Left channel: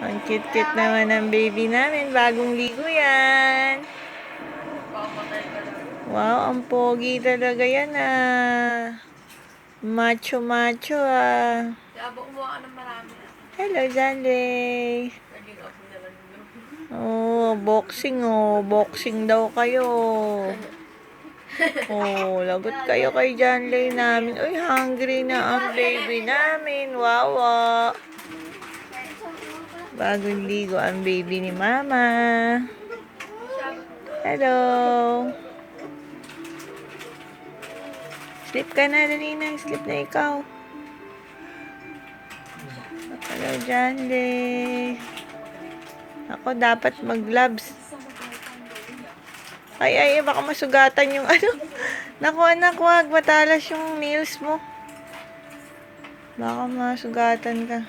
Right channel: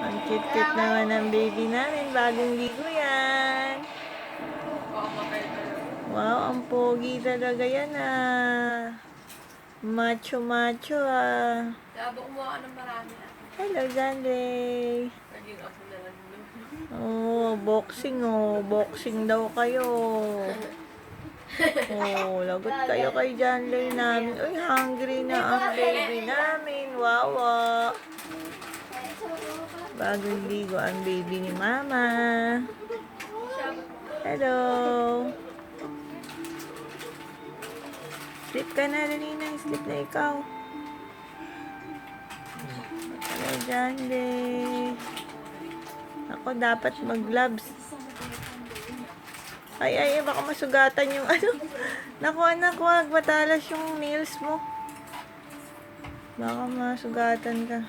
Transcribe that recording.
Ang cute-cute naman ng baby namin. Bagong ligo yan. Wow, ang pogi talaga yan ah. Macho-macho ah. Abang kumuha ka ng marami. Hello, Janley. Naging apo na lang yun. Oh, boxing oh. Boxing daw kayo. Oh, lagot kayo kay Janley namin. Uy, hungry na ang baby namin. Wawa. Bagong ligo ang baby ni Mama. Hello. Sleep ka na, dali na. Sleep na ikaw. Hello, Janley. Ako dapat mag-gloves. Ay, baka masugatan yung ano. Naku, anak, wag. Matalas yung nails mo. Baka masugatan ka.